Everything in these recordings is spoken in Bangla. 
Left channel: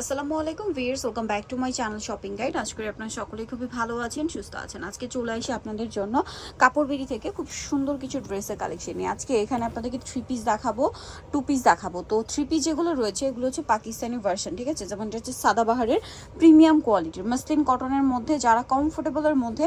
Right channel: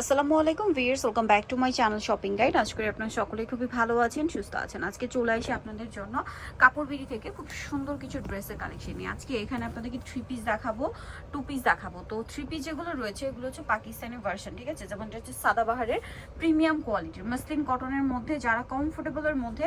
আসসালামু আলাইকুম viewers welcome back to my channel shopping guide আজ করে আপনারা সকলেই খুবই ভালো আছেন, সুস্থ আছেন। আজকে চলে আসি আপনাদের জন্য কাপড় বিড়ি থেকে খুব সুন্দর কিছু ড্রেসের কালেকশন নিয়ে। আজকে এখানে আপনাদেরকে থ্রি পিস দেখাবো টু পিস দেখাবো। তো থ্রি পিস যেগুলো রয়েছে, এগুলো হচ্ছে পাকিস্তানি ভার্সন ঠিক আছে? যেমনটা হচ্ছে সাদাবাহারের প্রিমিয়াম কোয়ালিটির মাসলিন কটনের মধ্যে, যারা কমফোর্টেবলের মধ্যে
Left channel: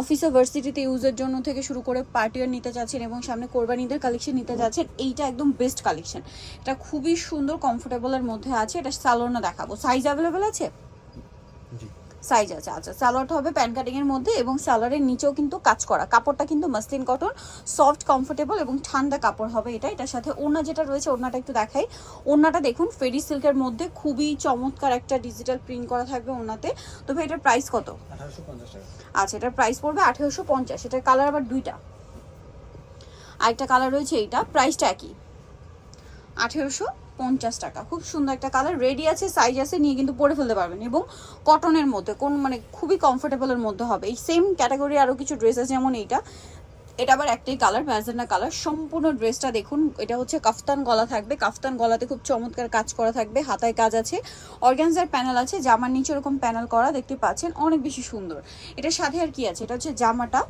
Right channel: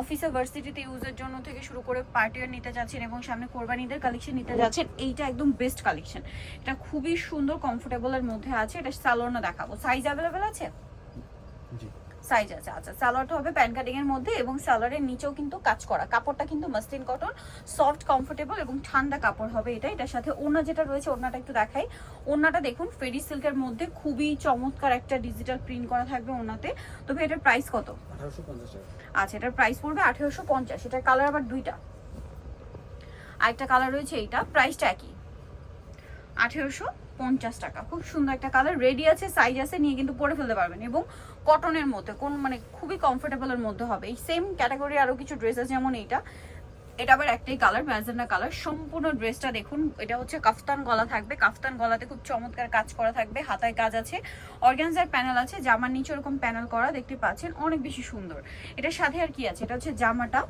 অফিসে ভার্সিটিতে ইউজের জন্য থেকে শুরু করে পার্টিয়ার নিতে যাচ্ছেন এবং সামনে কোরবানিদের কালেকশন নিতে যাচ্ছেন, এইটা একদম বেস্ট কালেকশন এটা খুবই সুন্দর কমফোর্টেবলের মধ্যে আছে। এটা সালোয়ারও দেখাবো সাইজ অ্যাভেলেবেল আছে? জি। সাইজ আছে আচ্ছা। সালোয়ারটা হবে প্যান কাটিং এর মধ্যে এবং সালোয়ারের নিচেও কিন্তু কাজ করা। কাপড়টা কিন্তু মাসলিন কটন সফট কমফোর্টেবল এবং ঠান্ডা কাপড় হবে এটা। এটার সাথে ওড়না যেটা রয়েছে ওড়নাটা একটু দেখাই। ওড়নাটা দেখুন ফেরি সিল্কের মধ্যে খুবই চমৎকার একটা ডিজিটাল প্রিন্ট করা থাকবে ওড়নাতে। তো ভাই এটার প্রাইস কত? আচ্ছা এটার প্রাইস পড়বে আঠেরোশো পঞ্চাশ। এটার কালার আবার দুইটা। আরেকটা কালার রয়েছে এইটা। প্রাইসটা একই। আঠেরোশো পঞ্চাশ টাকা। খুব সুন্দর একটা কালার রেডি আছে সাইজ আছে, নিয়ে কিন্তু পরে ফেলতে পারবেন। এবং কটনের মধ্যে, কোন মানে খুবই কমফোর্টেবলের মধ্যে হবে। এই সেম ক্যাটাগরি আরও কিছু ড্রেস আছে, যেমন এইটা। এটা আবার একটাই কালার ম্যাজেন্ডা কালার সম্পূর্ণ ড্রেসটা দেখুন, এটা হচ্ছে কাফতান গলা থাকবে। কাফতান গলাতে খুব চমৎকার কাজ করা থাকবে, হাতায় কাজ আছে। অর্গানজার প্যানেল আছে, জামার নিচে ওরকম প্যানেল করা, দেখতে পাচ্ছেন, অনেক বেশি সুন্দর। এটা সাথে আর কি আছে? এটা হচ্ছে জামাটা।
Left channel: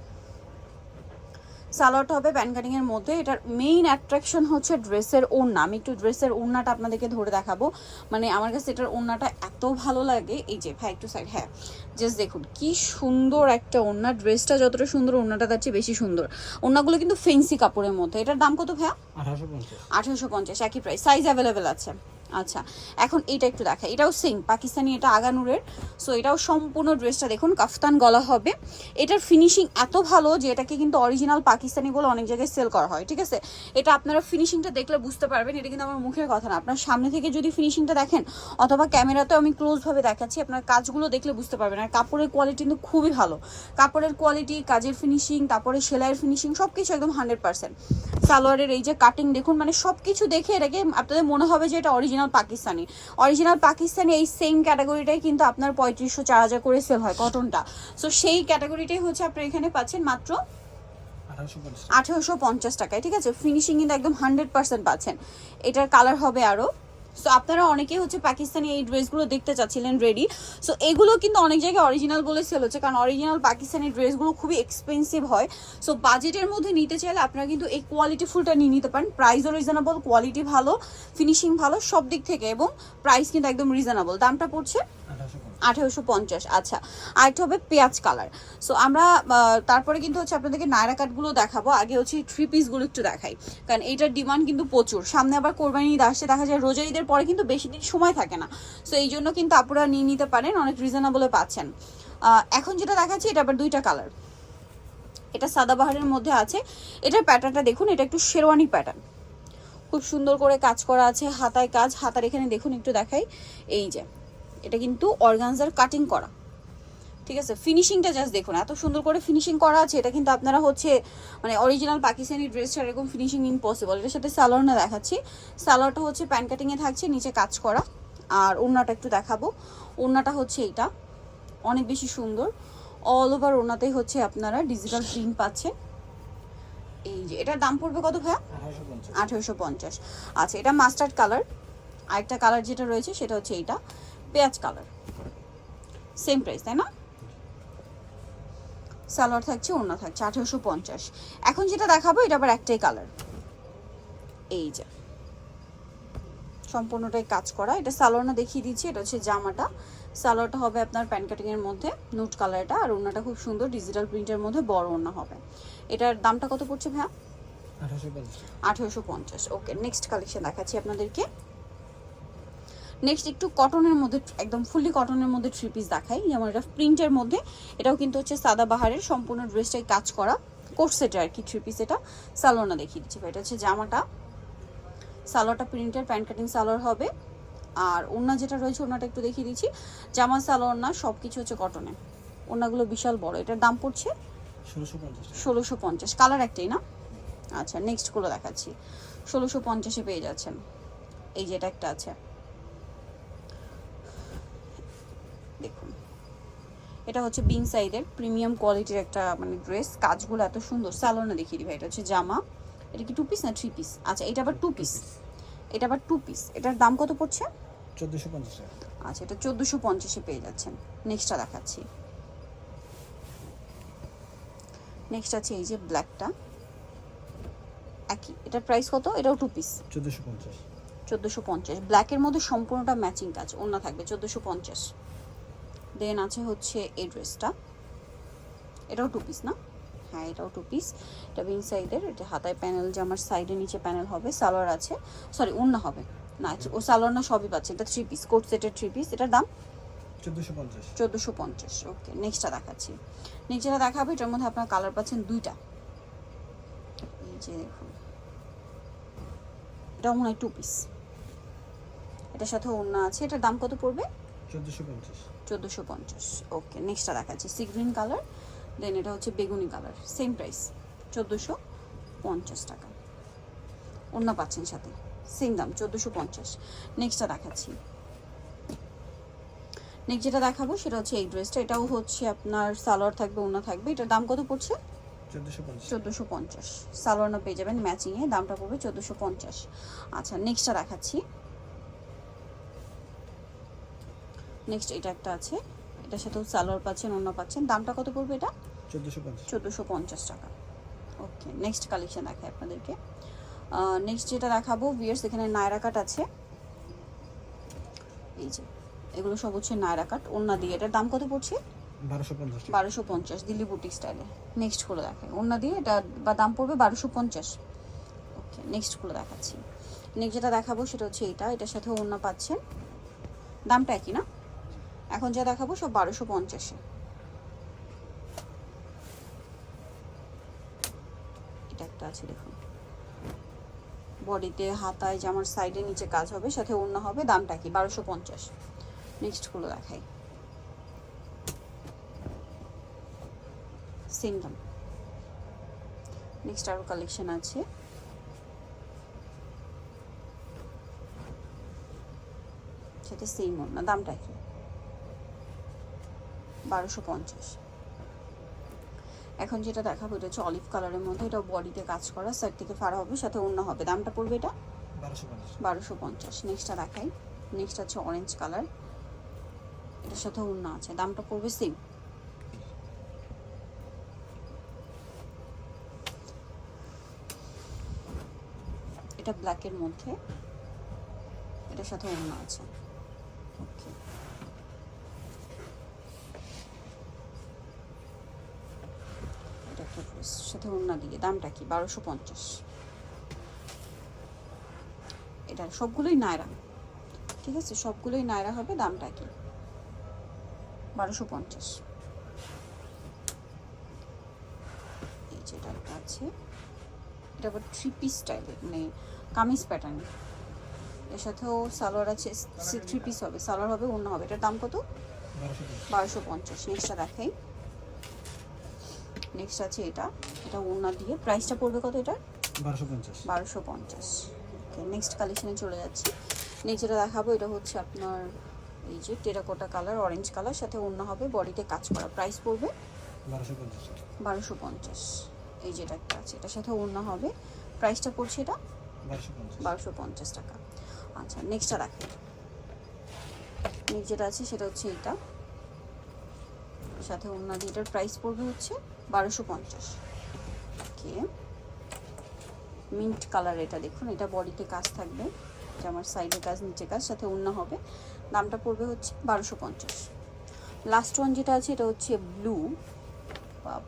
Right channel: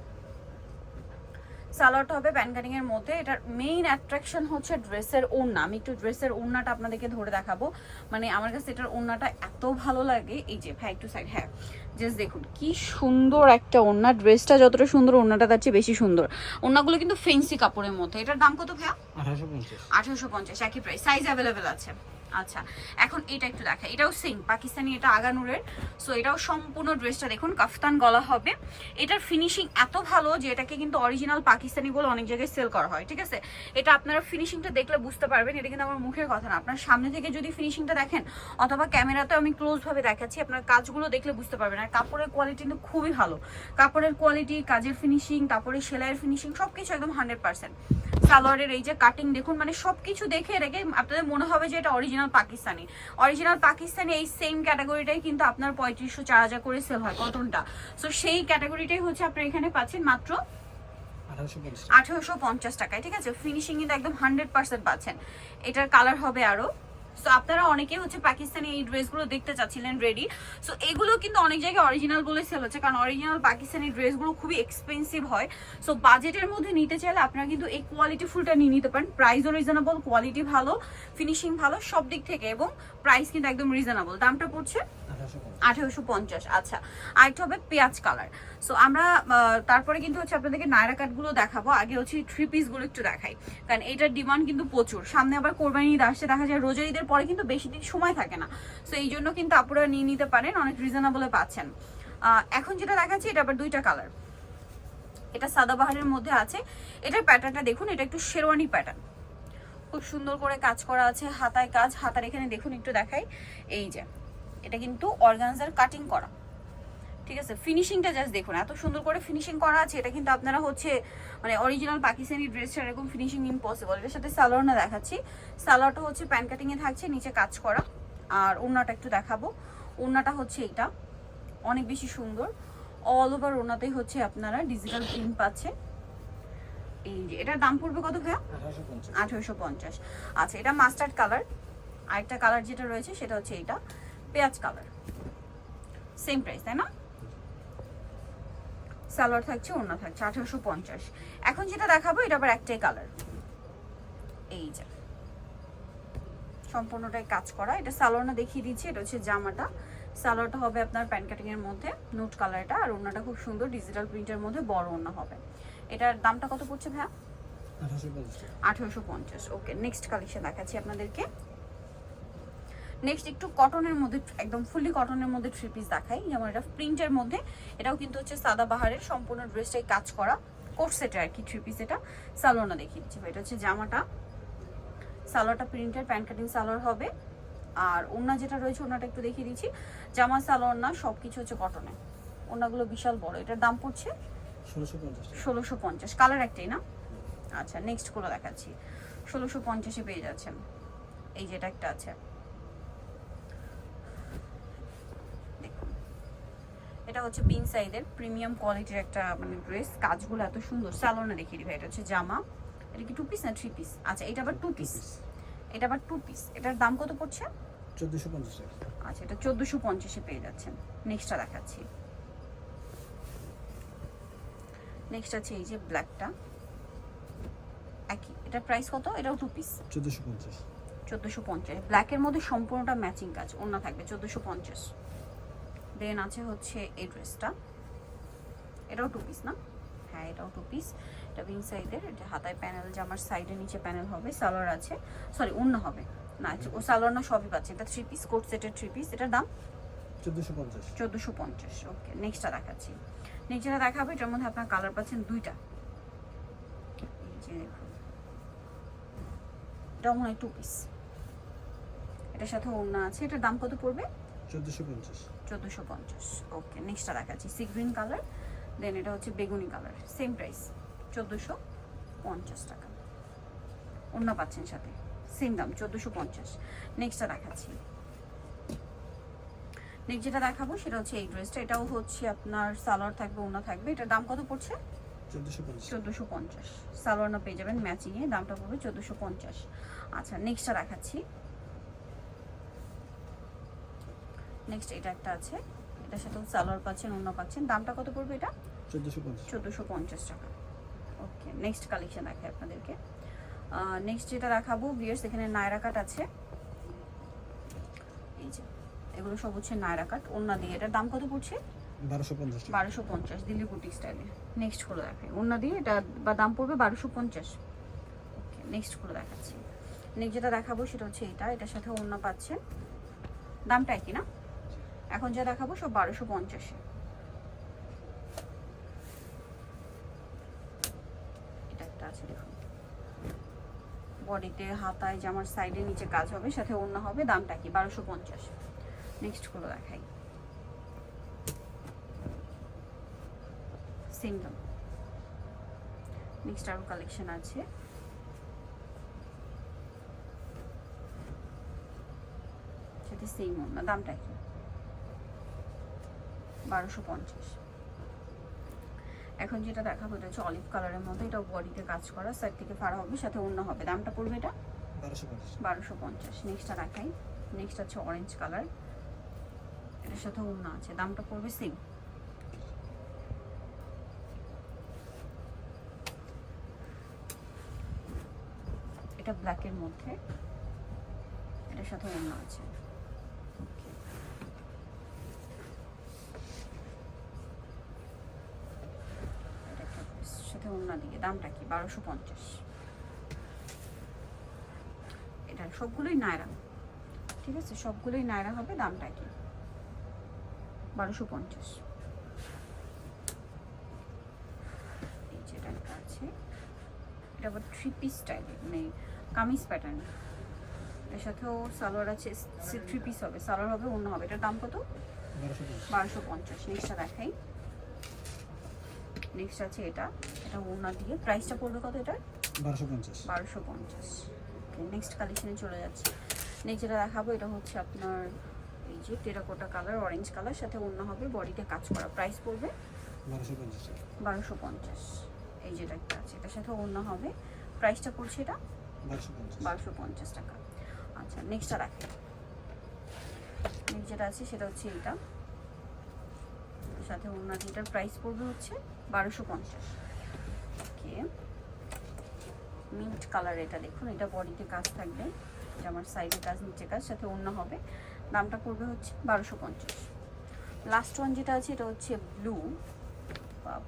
সালোয়ারটা হবে প্যান কাটিং এর মধ্যে। এটার মেইন অ্যাট্রাকশন হচ্ছে ড্রেসের ওড়না। আমি একটু ড্রেসের ওড়নাটা আপনাদেরকে ধরে দেখাবো। মানে আমার কাছে এটার ওড়নাটা এত ভালো লাগে। এই যে ভাই একটু সাইড হ্যাঁ জাস্ট দেখুন কি সুন্দর একটা ওড়না। ড্রেসটা যতটা সুন্দর ওড়নাটা তার চেয়ে বেশি সুন্দর। ওড়নাগুলো কিন্তু ফেন্সি কাপড়ের মধ্যে। এটার দাম কত ভাইয়া? আঠারোশো পঞ্চাশ। আঠারোশো পঞ্চাশ একই প্রাইস সাইজ অ্যাভেলেবেল আছে। আচ্ছা এখন এটা একটু দেখা। এটাও সেম পাকিস্তানি, এটা আগানুরের। সো এটাও সম্পূর্ণ ড্রেসটা দেখুন, কাফতান গলা হবে। এটার ফিনিশিং এত ভালো যে এটাকে কিন্তু অরিজিনাল পাকিস্তানি বলে অনেক জায়গায় সেল করা হয়, ঠিক আছে? এটা আপনারা ফিনিশিংটা দেখলে বুঝতে পারবেন, এটা কিন্তু আমার মুখের কথা না। আপনার সামনে থেকে যদি ফিনিশিংটা দেখেন, অথবা ক্যামেরাতে আমি ক্লোজভাবে দেখাচ্ছি, আপনার কাজগুলো দেখলে বুঝতে পারবেন। আর কাপড়ের কোয়ালিটি কিন্তু খুবই ভালো। কাপড়ের কোয়ালিটি কাজের ফিনিশিং তারপরে সেলাইয়ের ফিনিশিং সব কিছু একদম হান্ড্রেড পার্সেন্ট সালোয়ারের এই যে কাটিং দেখুন মানে সব কিছু দেখে এটাকে আপনাদের মনে হবে যে এটা অরিজিনাল পাকিস্তানি। অরিজিনাল পাকিস্তানি এই সেম ক্যাটাগরিটাই কিন্তু আপনার পঁয়ত্রিশশো চার হাজার করে সেল হয় কটনটা সো সেই ক্যাটাগরিটাই হচ্ছে আপনি এখানে পাচ্ছেন মাত্র আঠারোশো পঞ্চাশ। পঞ্চাশ টাকায় ঠিক আছে? ফিনিশিং কিন্তু একদম হান্ড্রেড পার্সেন্ট পাচ্ছেন। এটার কালার হবে আরও সো আপনারা অনেকেই হচ্ছে পাকিস্তানি এই ড্রেসগুলো দেখতে চাচ্ছিলেন রেডি সো এগুলো কিন্তু অনেক জায়গায় অরিজিনাল বলে সেল হচ্ছে, কারণ অরিজিনাল পাকিস্তানি ড্রেসগুলো খুবই এক্সপেন্সিভ হয়। সো বাজেটের মধ্যে নিতে চাইলে আপনারা কিন্তু এই কোয়ালিটি ফুলটা নিয়ে নিতে পারেন। প্রাইসও রিজনেবল কোয়ালিটি ভালো ফিনিশিং ভালো, সব দিক থেকে এবং প্রাইস কিন্তু একদম রিজনেবল দামটা পড়ছে আঠারোশো পঞ্চাশ আচ্ছা। আরেকটা হবে পেঁয়াজ কালার সো আমরা তারপরে কিন্তু হচ্ছে আপনাদেরকে নায়রা কাটগুলো দেখাবো। আগে হচ্ছে থ্রি পিসগুলো একটু দেখাই। কারণ এইটার ডিমান্ড কিন্তু প্রচুর। সামনে আবার কোরবানি ঈদ আসছে, দেখা যায় রোজা ঈদের পরে কিন্তু বেশি দিন সময় থাকে না। সো এই জন্য কিন্তু আপুরা নিয়ে নিতে পারেন, অনেক রিজনেবলে পাচ্ছেন। এখন যেটা দেখাচ্ছি, এটা আবার দুইটা কালার এটা সাদাবাহারের মধ্যে আছে। এটার প্যাটার্নটা দেখুন, এটা একটু শেরওয়ানি প্যাটার্ন খুব সুন্দর করে কাজ করা আছে, হাতায় কাজ। হাতার এখানে দেখুন, একটু দেখাই। এই যে এটা কিন্তু অর্গানজার কাটিং করা। ঠিক আছে? ফিনিশিংটা জাস্ট দেখুন এত সুন্দর করে ফিনিশিং করা আছে এটা কিন্তু আপনারা হচ্ছে মানে অরিজিনাল পাকিস্তানি ড্রেসটা এরকম ফিনিশিং ইম্পসিবল এটার সাথে সালোয়ার না দেখাচ্ছি। সালোয়ারটা হচ্ছে প্যান কাটিংয়ে থাকছে নিচে কাজ করা। আর ওড়নাটা একটু দেখাবো। ওড়নাটা হচ্ছে এইটা। অনেক বেশি সুন্দর। অল ওভার ওড়নাতেই হচ্ছে আপনারা ডিজিটাল প্রিন্ট পাচ্ছে এই যে এটার দাম পড়বে কত ভাইয়া? আঠারোশো পঞ্চাশ। আচ্ছা এটা মাস্টার্ড কালার আরেকটা কালার যেটা রয়েছে সেটা হচ্ছে এইটা। পেঁয়াজ কালার সেম প্রাইস তাই না? সালোয়ার থাকছে ওড়না থাকছে আঠেরোশো পঞ্চাশ। এখন যেটা দেখাবো এটা আবার একটাই কালার এই যে। সম্পূর্ণটাই কাজ করা। এটা সালোয়ারটা দেখিয়ে দিচ্ছি এটা হচ্ছে জামাটা। সালোয়ারটা হবে আপনার প্যান কাটিং এর মধ্যে নুট কালারটা আর ওড়নাটা খুব সুন্দর ডিজিটাল প্রিন্টের মধ্যে বড় ওড়না হবে। এটার দামটা কত পড়ছে ভাইয়া? আঠারোশো পঞ্চাশ। ওকে নেক্সট কালেকশন দেখাচ্ছি আপনাদেরকে। নেক্সট একটু কটনের মধ্যে একদম ফুলি কটনের মধ্যে থ্রি পিস দেখাই। যেমন এটা প্রিন্টের মধ্যে এটাও কিন্তু হচ্ছে সাদা বাহারের সম্পূর্ণ ড্রেসটাই কাজ করা। কোট সেটের আর কি থ্রি পিস এটা। সালোয়ারটা দেখিয়ে দিচ্ছি এটা হচ্ছে জামাটা। সালোয়ারটা প্রিন্টের প্যান্ট কাটিং সালোয়ার হবে। আর ওড়না যেটা রয়েছে ওনাটা একটু দেখিয়ে দিচ্ছি। জামা সালোয়ার না সব কিছু হচ্ছে কটনে ওড়নাগুলো বিশাল বড়। এটার দাম পড়ছে? ষোলোশো পঞ্চাশ ষোলোশো পঞ্চাশ। কালার একটাই না? আচ্ছা নেক্সটগুলো দেখাচ্ছি। ষোলোশো পঞ্চাশে পেয়ে যাচ্ছেন। এই যেটা একটা আছে। এটা হচ্ছে পিঙ্ক সাইডের প্রিমিয়াম কোয়ালিটির একটা মানে ড্রেস কাজগুলো এত সুন্দর। স্যালোনে দেখিয়ে দিবে এটা হচ্ছে জামা। এটা কি টু পিস না থ্রি পিস আচ্ছা এটা আবার টু পিস এটা আবার টু পিস এটার দাম কত পড়ছে? চোদ্দোশো পঞ্চাশ আচ্ছা এটা চোদ্দোশো পঞ্চাশে পেয়ে যাচ্ছেন। নেক্সটটা দেখাচ্ছি। নেক্সট আছে এই যে ব্ল্যাকটা একই। এটার প্রাইস কত? এটাও টু পিস চোদ্দোশো পঞ্চাশ। চোদ্দোশো পঞ্চাশ। ব্ল্যাকের মধ্যে সম্পূর্ণটা ম্যাচিং কাজ। অন্য থাকবে চোদ্দোশো পঞ্চাশ। দেন আছে হচ্ছে এই ড্রেসটা। এটাও টু পিস না? হ্যাঁ এটাও টু পিস এটা বিন সাইডের এটা হাতায় প্যানেল যে আমার সাইডের নিচে প্যানেল হবে সালোয়ার আছে। সরি অন্য হবে। না ও সালোয়ার না সবই পাচ্ছে। এটা থ্রি পিস কোট সেটের থ্রি পিস এটার দাম? চোদ্দোশো পঞ্চাশ। চোদ্দোশো পঞ্চাশ ওকে নেক্সটটা দেখাচ্ছি। নিচেটা দেখাবো এটার মধ্যে আপনার কালার পাচ্ছেন দুইটা। এই যে দেখুন। এটা মনে হয় টু পিস এটার সাথে অন্য আছে। এটার দাম কত পড়বে? চোদ্দোশো পঞ্চাশ। ওকে নেক্সটটা দেখাচ্ছি সি গ্রিন কালার দেন এটা হচ্ছে বেগুনি কালার সেম প্রাইস চোদ্দোশো পঞ্চাশ টাকা। অন্য পাচ্ছেন সাথে সেম দাম চোদ্দোশো পঞ্চাশ। নেক্সটটা দেখাচ্ছি। নেক্সট যেটা দেখাবো সেটা হচ্ছে এই ড্রেসটা এটাও হচ্ছে আপনার সালোয়ার থাকবে অন্য থাকবে এটার দাম কত পড়ছে? চোদ্দোশো পঞ্চাশ। সালোয়ার না পেয়ে যাবেন ম্যাচিংয়ে দামটা পড়বে চোদ্দোশো পঞ্চাশ। আচ্ছা নেক্সটটা দেখাচ্ছি। নেক্সট এটা একটা আছে। এটা সাথেও সালোয়ার পাচ্ছেন অন্য পাচ্ছেন। দামটা কত পড়বে এটা? চোদ্দোশো পঞ্চাশ। টাকা। ওকে নেক্সট কালেকশন দেখাই আপনাদেরকে। নেক্সট যেটা দেখাবো বিয়ার্স এখানে নায়রা কাট আছে। এই যে এগুলো সব হচ্ছে নায়রা কাট ওন্না দিয়ে এটার দাম কত পড়ছে? বারোশো পঞ্চাশ দিল্লি বুটিক স্টাইলে নেক্সটগুলো দেখাই। ওন্না দিয়ে এটা বা দাম পড়বে বারোশো পঞ্চাশ। ওকে নেক্সটগুলো দেখাচ্ছি। নেক্সট যেটা দেখাবো সেটা হচ্ছে এটা। এটার সাথে অন্য পাচ্ছেন। দামটা একই না? এখন যা দেখাবো সব বারোশো পঞ্চাশে। এটা একটা আছে, দেখুন। বডিতে, হাতায় জামার সাইডে নিচে কাজ হবে, সাথে অন্য হবে, দামটা কি? বারোশো পঞ্চাশ। নেক্সটগুলো দেখাই। সিঙ্গল নেক্সট আরও কালেকশন আছে। সেটা সেম না, দামটা কি? বারোশো পঞ্চাশ। এখন যেটা দেখাবো এটা হচ্ছে অলিভ কালারের মধ্যে এটা বডিতে কাজ করা সাইড থেকে ফাড়া হবে সাথে অন্য হবে। দামটা পড়বে এটা? বারোশো পঞ্চাশ। নেক্সটটা দেখাই। নেক্সট হচ্ছে অরেঞ্জ কালার এটার সাথে অন্য আছে। দামটা পড়বে সেম এটা ব্ল্যাকের মধ্যে। এটার সাথে অন্য আছে। Okay. Dress, সাথে অন্য দিকে। দামটা কি? বারোশো পঞ্চাশ। এটা সবগুলোই নায়রা। ঠিক আছে? সবগুলোই নায়রা হবে দামটা কি? বারোশো পঞ্চাশ। এই যেটা আছে। এটা আবার থ্রি পিস টাইপের মানে কামিজ প্যাটার্ন এর। সাথেও সালোয়ার আছে থ্রি পিস হবে। সালোয়ার হবে অন্য হবে। এটার দাম কত? বারোশো পঞ্চাশ। বারোশো পঞ্চাশ। নেক্সটটা দেখাই। নেক্সট আছে এটা। এটা ওনা দিয়ে। প্রাইসটা পড়বে কত এটার? বারোশো পঞ্চাশ। বারোশো পঞ্চাশ। নেক্সট কালেকশনে চলে যাচ্ছি। নেক্সট যেটা দেখাবো এটা হচ্ছে আপনার এই যে টেরাকোটা কালার অরেঞ্জ কালার সাথে অন্য হবে বডিতে কাজ করা। প্রাইস পড়বে? বারোশো পঞ্চাশ। বারোশো পঞ্চাশ। এই যেটা একটা আছে এটার সাথে অন্য হবে। প্রাইসটা পড়ছে এটা? বারোশো পঞ্চাশ। টাকা। আচ্ছা নেক্সটটা দেখাই নেক্সট যেটা আছে সেটা হচ্ছে এইটা। সাথে অন্য যেটার প্রাইস পড়বে হচ্ছে বারোশো পঞ্চাশ। ওকে মিন্ট কালার এটা দেখুন, এটা বডিতে কাজ থাকবে। যে আমার সাইডে কাজ, নিচে কাজ, সাথে অন্য হবে। দামটা পড়বে হচ্ছে বারোশো পঞ্চাশ। লাস্ট ওয়ান যেটা আছে, এটা হচ্ছে ব্লু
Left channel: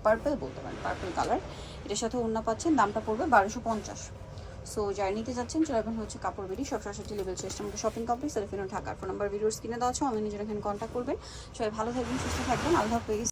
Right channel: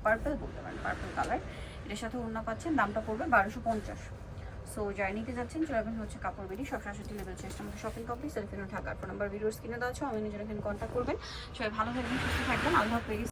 পার্পল বলতে পারেন পার্পল কালার এটার সাথে অন্য পাচ্ছেন, দামটা পড়বে বারোশো পঞ্চাশ। সো জার্নিতে যাচ্ছেন, চলে হচ্ছে কাপড় বেরি সব সরাসরি লেভেল চেষ্টা আমাদের শপিং কমপ্লেক্স এলিফিনো ঢাকার ফোন নাম্বার ভিডিওর স্ক্রিনে দেওয়া আছে অনলাইনে নিজের এখানে কন্ট্যাক্ট করবেন। সবাই ভালো থাকবেন, সুস্থ থাকবেন, আল্লাহ হাফেজ।